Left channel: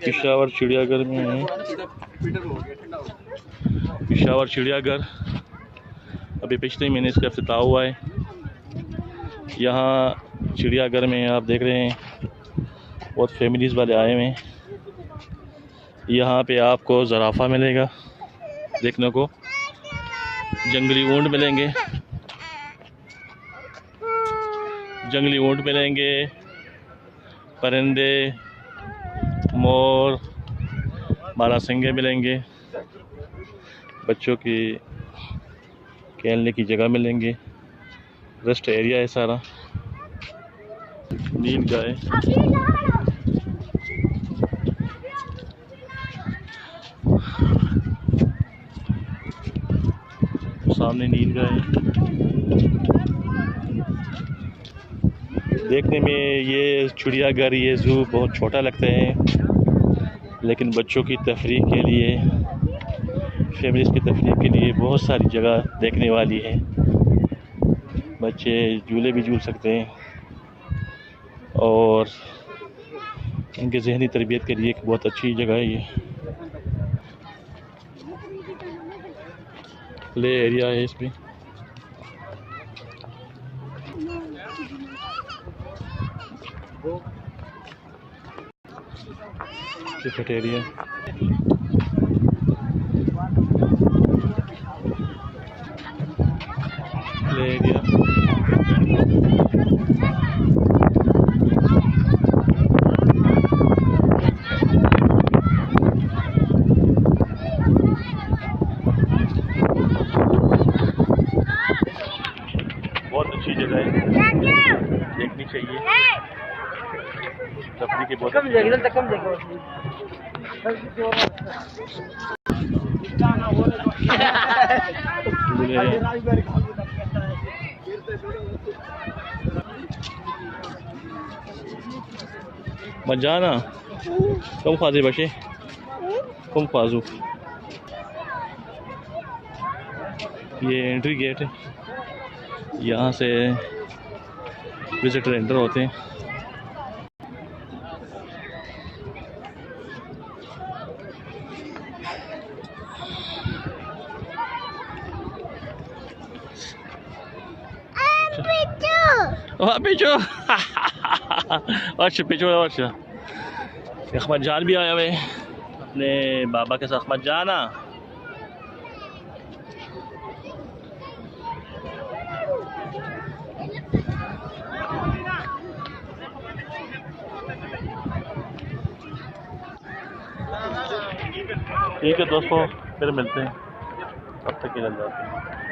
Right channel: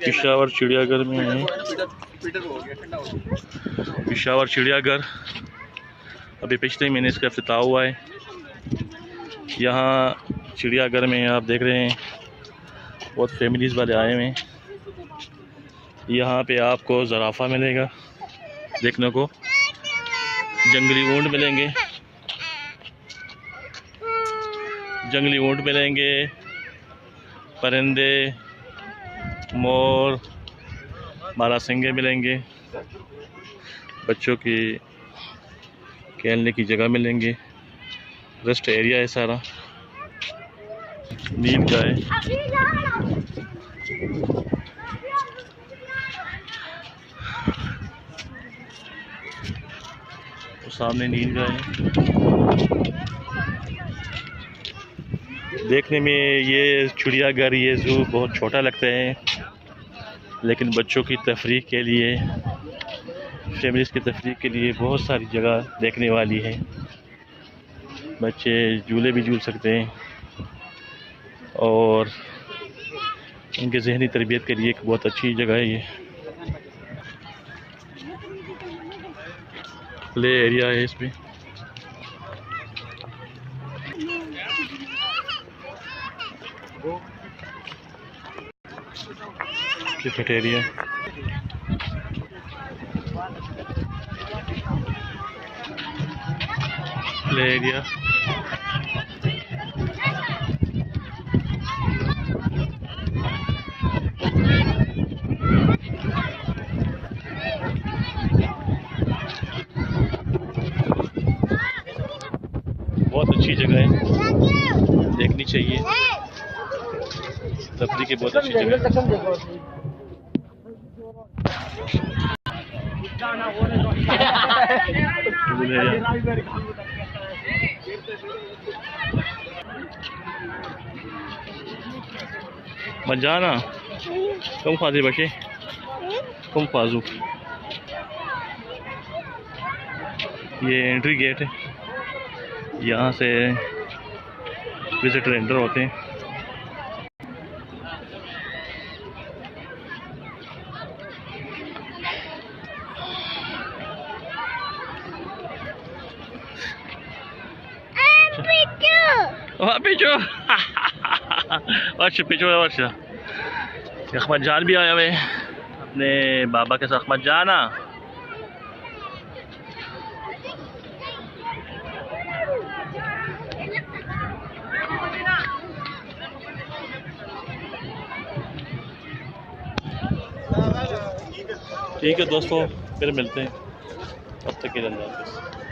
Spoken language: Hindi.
पेशावर चिड़ियाघर में है। पेशावर चिड़ियाघर अभी पिछले महीने इसका इफ्तिताह हुआ है। यहाँ चिड़ियाघर में आप देख रहे हैं बहुत फैमिलीज़ वाले आए हुए हैं। यहाँ पे आपको ज़राफ़ा मिलेगा देखने को, जंगली ऊंट मिलेंगे, परिंदे, मोर, बारहसिंगे मिलेंगे, बच्चों की खेलने की जगह मिलेंगे, रेस्ट एरिया है सारा, नील गाय, सामने नील गाय। देखने में ये चिड़ियाघर, ये ज़ू बहुत छोटा लगता है, लेकिन बच्चों की तफरीह के लिए, फैमिलीज़ की तफरीह के लिए बहुत सारी जगह देखने वाली है। बच्चे झूले भी झूल सकते हैं और उनके ज़हनी तरबियत के लिए एक बहुत अच्छी जगह है। ये प्ले एरिया है इसमें। क्रिकेट एरिया, प्ले एरिया, बहुत अच्छी जगह है, देखनी चाहिए। तफरीह की बहुत अच्छी जगह। मत जाना, कम ख्वाजे बचे, कम ख्वाजू। ये एंट्री गेट है, यहाँ से विजिटर एंटर होते हैं। पिचो पिचो अच्छा, अहमद जान भी आया हुए अपने बाबा के साथ। अहमद जाना, ठीक है दोस्तों, फिर मिलते हैं, तब तक के लिए अल्लाह हाफ़िज़।